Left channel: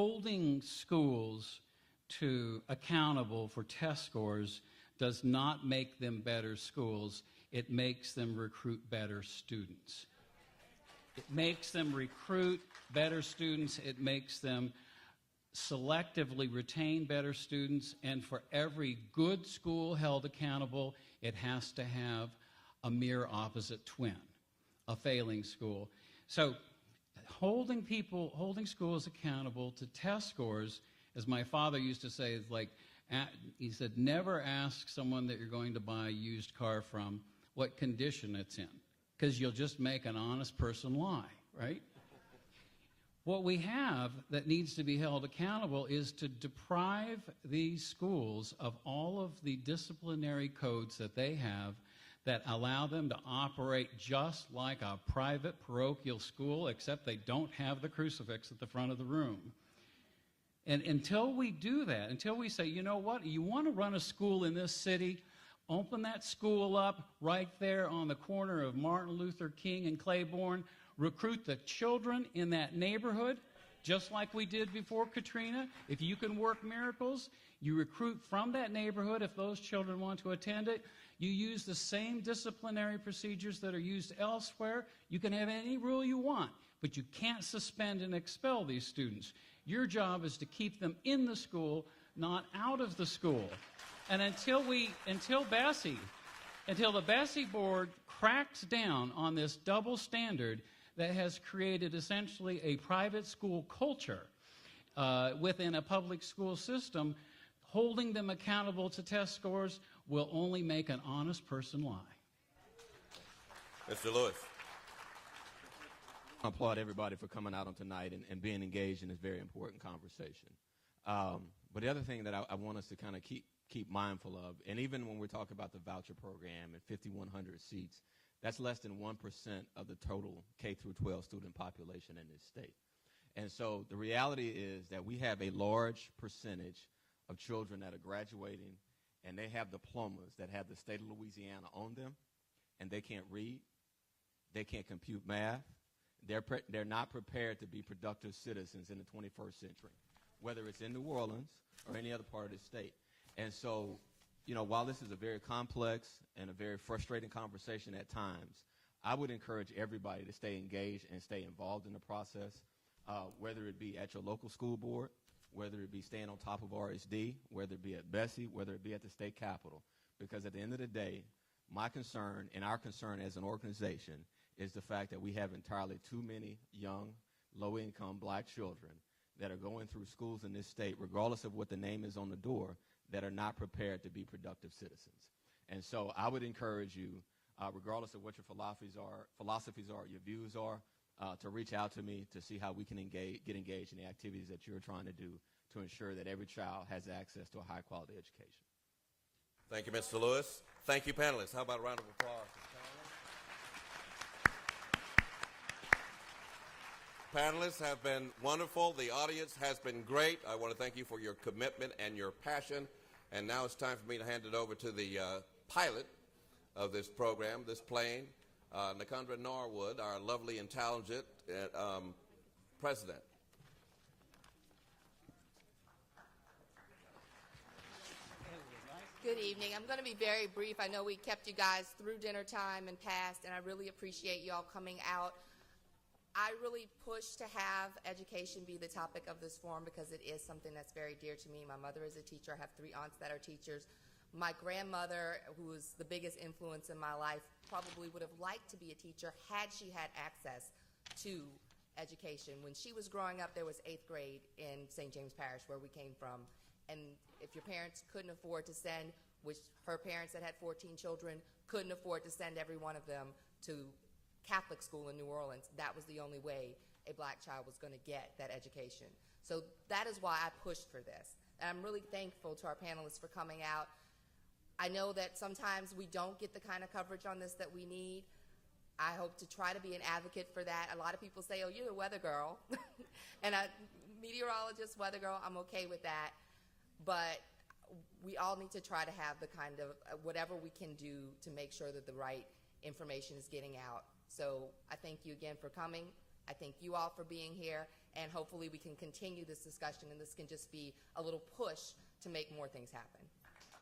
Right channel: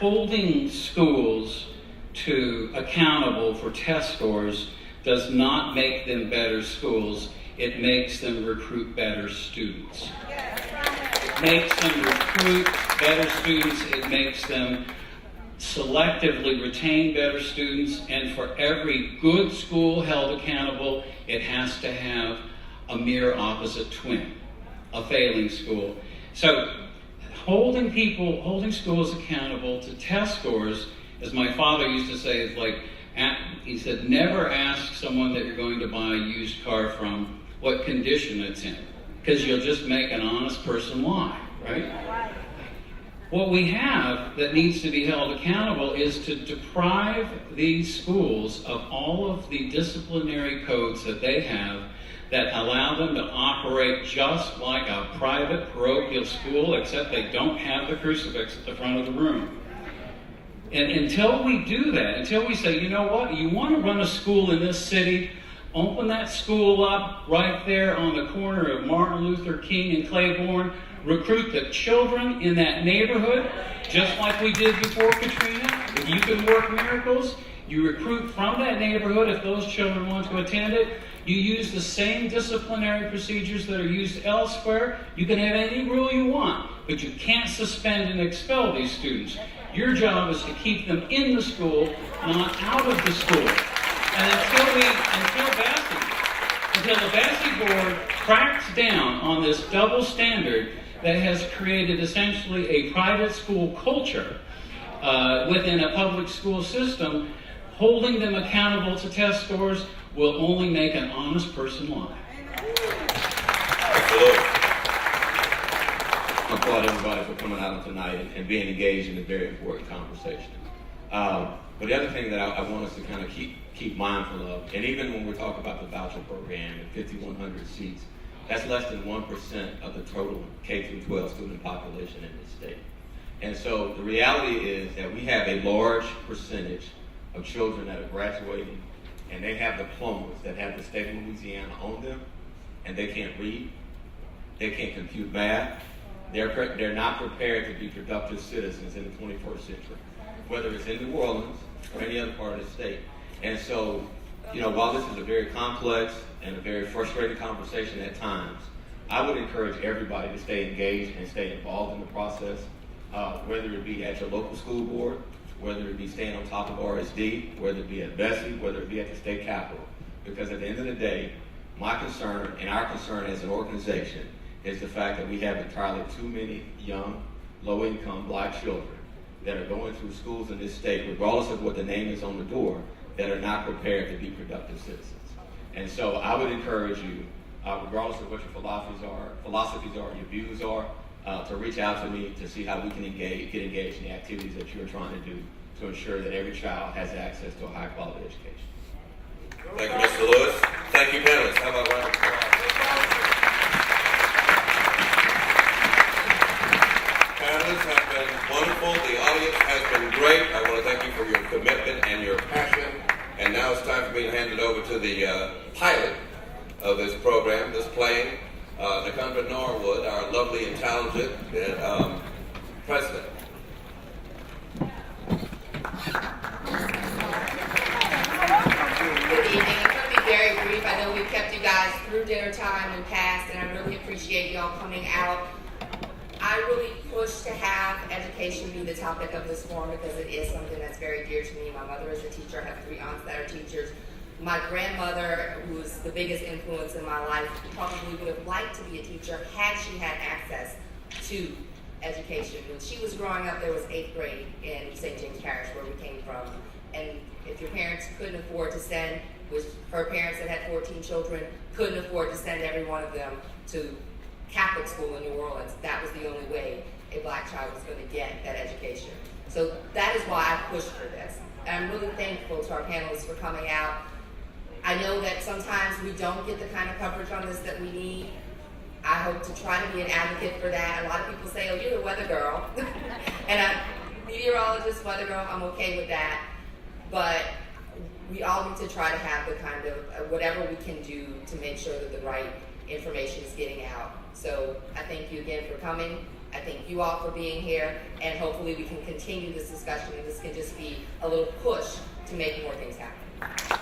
holding schools accountable for test scores does not make them better schools. It makes them recruit better students. It makes them recruit better students. It makes them selectively retain better students. And for every good school held accountable, it has to have a mirror opposite twin, a failing school. So holding schools accountable to test scores, as my father used to say, is like, he said, never ask someone that you're going to buy a used car from what condition it's in, because you'll just make an honest person lie, right? What we have that needs to be held accountable is to deprive these schools of all of the disciplinary codes that they have that allow them to operate just like a private parochial school, except they don't have the crucifix at the front of the room. And until we do that, until we say, you know what, you want to run a school in this city, open that school up right there on the corner of Martin Luther King and Claiborne, recruit the children in that neighborhood, just like we did before Katrina. If you can work miracles, you recruit from that neighborhood if those children want to attend it. You use the same disciplinary procedures that are used elsewhere. You can have any rule you want, but you can't suspend and expel these students. Your job is to keep them in the school, not out of the school. And until the Bessie board cracks down on this double standard that has created essentially a private school culture within a public school system, holding them accountable to test scores will only make an honest person lie. Absolutely. I applaud everybody for coming out tonight and being engaged in a very important conversation. But the other thing that I want us to kind of keep mindful of, and even when we talk about the voucher program and 5,100 seats, that's less than 1% of the total K-12 student population in the state. And so the reality is that we have a large percentage of children that are graduating, and they have diplomas that have the state of Louisiana on them, and they can't read, they can't compute math, they're not prepared to be productive citizens in the 21st century, whether it's in New Orleans or any other part of the state. And so, while this is a very complex and a very frustrating conversation at times, I would encourage everybody to stay engaged and stay involved in the process, whether it be at your local school board, whether it be staying on top of RSD, whether it be at Bessie, whether it be at the state capitol. Because at the end of the day, my concern and our concern as an organization is the fact that we have entirely too many young, low-income black children that are going through schools in this state, regardless of what the name is on the door, that are not prepared to be productive citizens. And so I would encourage you, regardless of what your philosophies are, your views are, to reach out to me to see how we can get engaged in the activities that you're trying to do to ensure that every child has access to a high-quality education. Thank you, Mr. Lewis. Thank you, panelists. How about a round of applause? Panelists have been wonderful. The audience has been great. I want to thank you for your commitment and your passion. And now it's time for me to hand it over to the pilot of this program, this plane, Nakundra Norwood, our lovely and talented president. Good evening. I'm going to be very brief. I know we've kept you guys through dinner time and past, and I really appreciate y'all coming out. I really push to have education be the topic of this forum because it is something that's very dear to me. My mother is a teacher. I have 3 aunts that are teachers. My grandmother, who was the biggest influence in my life, probably would have liked to be a teacher had she had access to education. When she was growing up, there was 8th grade in St. James Parish, where we came from. And if your parents couldn't afford to send, it was her parents that had 14 children, couldn't afford to send every one of them to Catholic school in New Orleans. That was the only way a black child was going to get that education. So that is why I pushed for this. And I'm really thankful to our panelists for coming out. I know that sometimes we don't get the kind of coverage on this that we need. I hope to try to be an advocate for that. A lot of people say, oh, you're a weather girl. And meteorologist, weather girl, I'm okay with that. But we all need to try to have the kind of whatever we can do to make sure that the right information is getting out. So I thank you again for coming. I I thank you all for being here, and hopefully we can continue this discussion, and this can just be a